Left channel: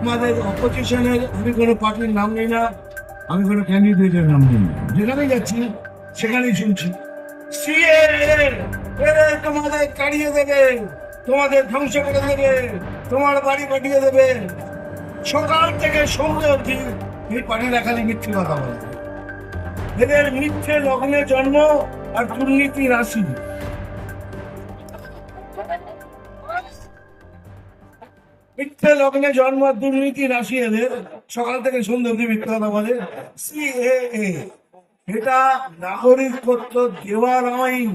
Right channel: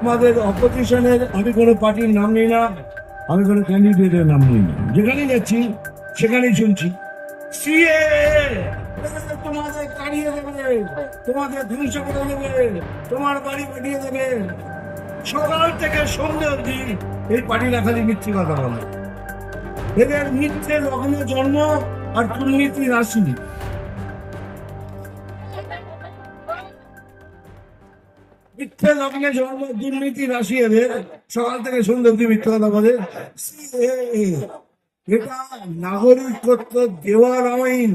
আমাদের অপোজিশনের আমি কোনো পার্টির নাম নিই না, আমি কোনো ক্যান্ডিডেটের নাম নিই না। যেখানে যাচ্ছি, সেখানেই শুনছি। তোমাদের তাড়িয়ে দেবে, তোমাদের ধ্বংস করে দেবে, তোমার বাড়ি পাঠিয়ে দেবে। সকাল থেকে সন্ধ্যে অবধি এই পার্টিরা খালি মিথ্যে কথা বলে। এদের মিথ্যে লগ্নে জন্ম আর দুর্নীতি রাশি মিথ্যে লগ্নে জন্ম, দুর্নীতি নাগরিকত্ব দেওয়ার আইন।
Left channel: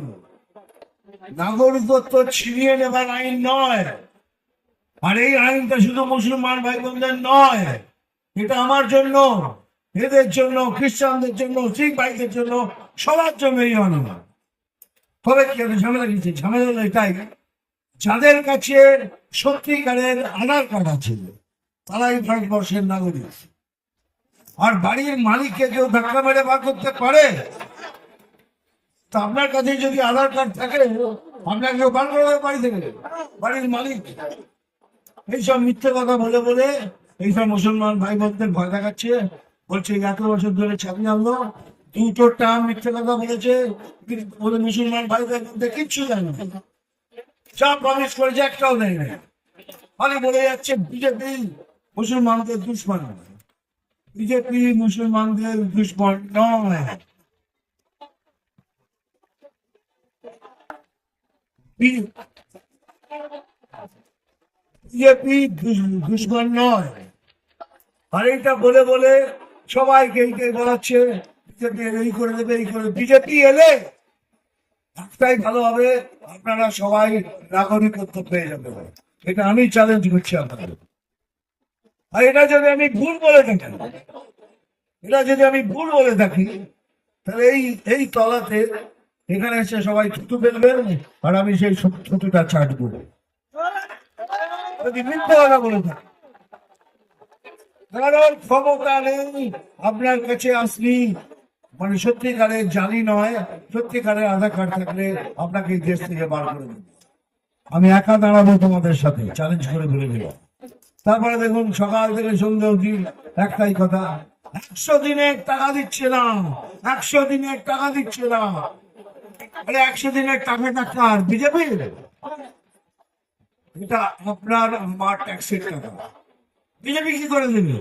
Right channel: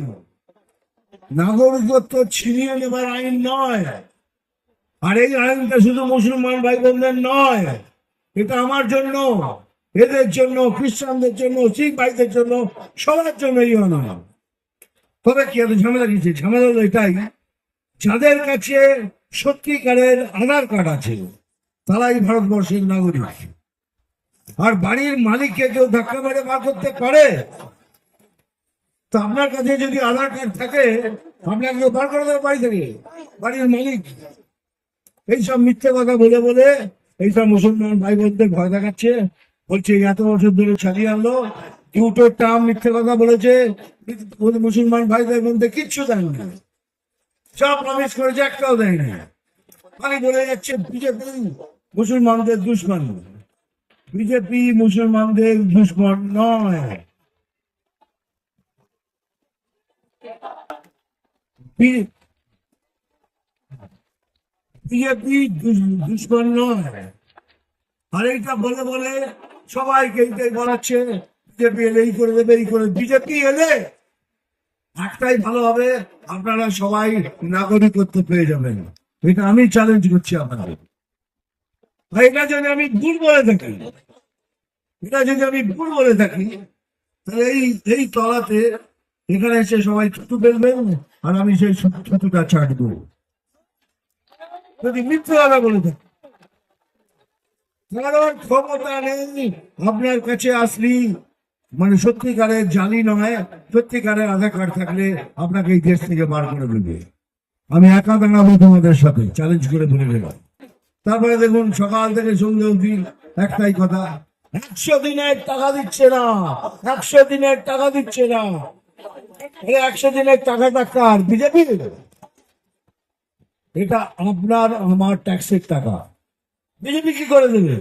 নাগরিকত্ব ছিনিয়ে নেবার আইন নয়। আর এই আইনটা শুধু মুসলমান ভাই বোনদের নয়। এটা আমার জন্য, এদের জন্য, খ্রিস্টানদের জন্য, শিখ ভাইদের জন্য, সবার জন্য এই অনামা তবে কি এত ঝামেলা গেছে ঝামেলা এটাই। যাদের কাছে সত্যিকারের আধার কার্ড আছে। তারাই ভারতবর্ষের নাগরিক। আর বাড়ির মালিককে কেউ ধাক্কা মেরে বার করতে পারে? তো আপনার কাছে যদি আধার কার্ড থাকে, আপনাকে বার করে দেবে বাড়ি থেকে বাড়ির মালিক। এইসব মিথ্যে কথা বলে বলে এইসব মুসলমান ভাই বোনদের ভয় দেখাচ্ছে। বলছে এত বছর ধরে চালিয়ে আনলো। দুটো টার্ম মিথ্যে কথা বলেছে। মুসলমান ভাই ভাই বোনদের কিচ্ছু দেয় না। সব প্রমিস করেছে, একটাও দেয় না মানে বলে যাচ্ছে বিজেপি মুসলমানদের দুশ্মন। বিজেপি মুসলমানদের দুশ্মন নয়। বিজেপি দুশ- দুশ্মন নয়। আর এইটা বলে বলে সবাইকে এইটাই বলাচ্ছে, বিজেপি এলে এই করে দেবে, এই করে বিজেপি এলে একটাই ভালো হবে, আপনারা সবাই নাগরিকত্ব পেয়ে যাবেন। এটা আমি চ্যালেঞ্জ করছি আপনাদের। আর এটা যদি আমি ভুল বলে থাকি, এটা যদি আমি ভুল বলে থাকি, তাহলে এই এই তলাতে এখানে এসে সবাই থুতু ফেলবেন, আর আমি সেই থুতুটা ছাড়বো। যদি মিথ্যে কথা বলে থাকি, কারণ ক্ষমতা নেই, আপনার কাছে আসলি মানে সত্যিকারের জানি নয় সত্যিকারের আধার কার্ড থাকলে আপনাকে এই দেশ থেকে বার করে দেবে। আমি একা দাঁড়াবো তোমাদের সাথে চ্যালেঞ্জ করে বলে দেবো। তারপরে দেখুন, সকাল থেকে সন্ধ্যে অবধি একটাই কথা, একশো দিনের টাকা দিচ্ছে না, একশো দিনের টাকা দিচ্ছে না। একশো দিনের টাকাটা কার বিজেপির এটা আপনার, আমার ট্যাক্সের টাকা। বিজেপি কি করে দেবে?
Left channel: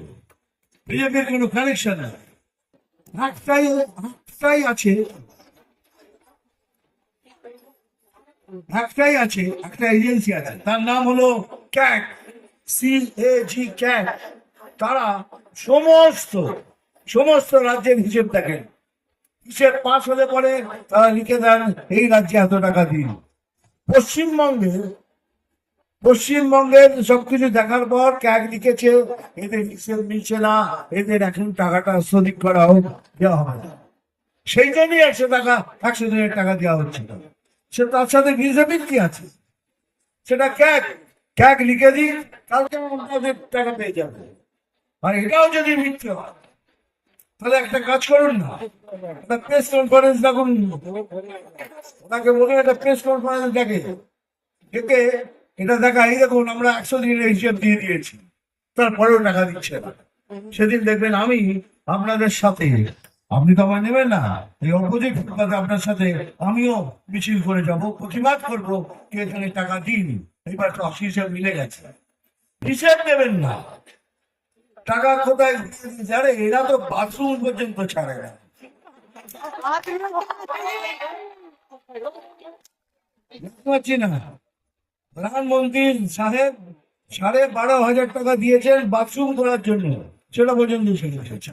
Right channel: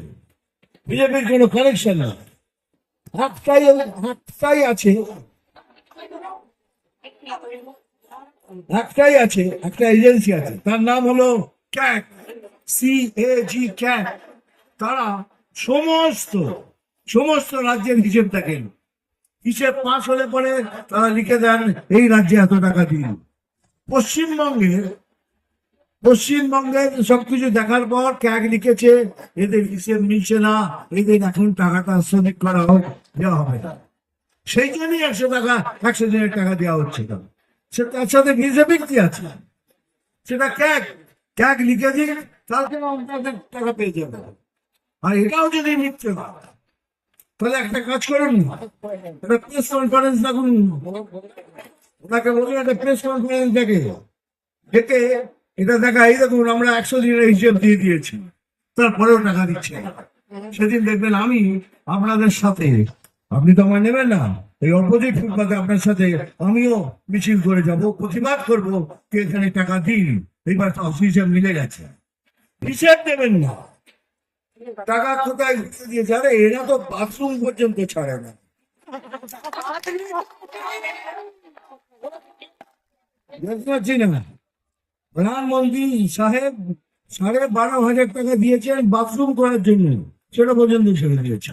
বিজেপির কোনো কানেকশন নেই। একটাই আছে। একটাই আছে, একটা এজেন্সি আছে। তার নাম হলো ক্যাক সি এ জি ক্যাক। তারা সমস্ত সমস্ত রাজ্যের হিসেব দেখেন। হিসেব পাস হলে পরে তারা লিখে দেন, এই রাজ্যে এত টাকা দিন। পশ্চিমবঙ্গের পশ্চিমবঙ্গের সবকিছু দেখার পর ক্যাগ লিখেছে, এদের হিসেব মিলছে না, এদের এখন টাকাটা শ্রমিক করা হোক, দেওয়া হবে না। সেই জন্যই একশো টাকা, একশো দিনের টাকা দেওয়া হচ্ছে। না সে তার সাথে বিজেপির কি আছে? সেটা ক্যাগ ক্যাগ লিখে দিন কালকে আমাদের টাকা পেয়ে যাবে। আর এটাও যদি মিথ্যে তাহলে একটা কাজ করুন না। একটা প্রেস কনফারেন্স দেখুন। ওনাকে বলুন, একটা প্রেস কনফারেন্স দেখে। ডেকে এটা দেখা এই দেখুন আমরা একশো দিনের হিসেব দিয়ে দিয়েছি। তারপরেও টাকা দিচ্ছে না। সেদিন দেখবেন আমি আপনাদের সাথে আপনি তো আমায় নেবেন না। এই অপোজিট ফুটপাতে আপনার সাথে আমিও মিছিল করে যাব প্রতিবাদ করব যে এখানে টাকা দিন। এইবার তো হিসেব মিলে গেছে। হিসেব নেবেন না। টাকা কোথায় দিয়ে দিয়েছে? আরে এরা তো বাথরুম পর্যন্ত ছাড়ে না। দেখতে পাচ্ছি না। প্রধানমন্ত্রী সাহেব সাড়ে বারো হাজার টাকা দিয়েছেন বাথরুম করার জন্য। সেটা পর্যন্ত ছেড়ে দিয়েছে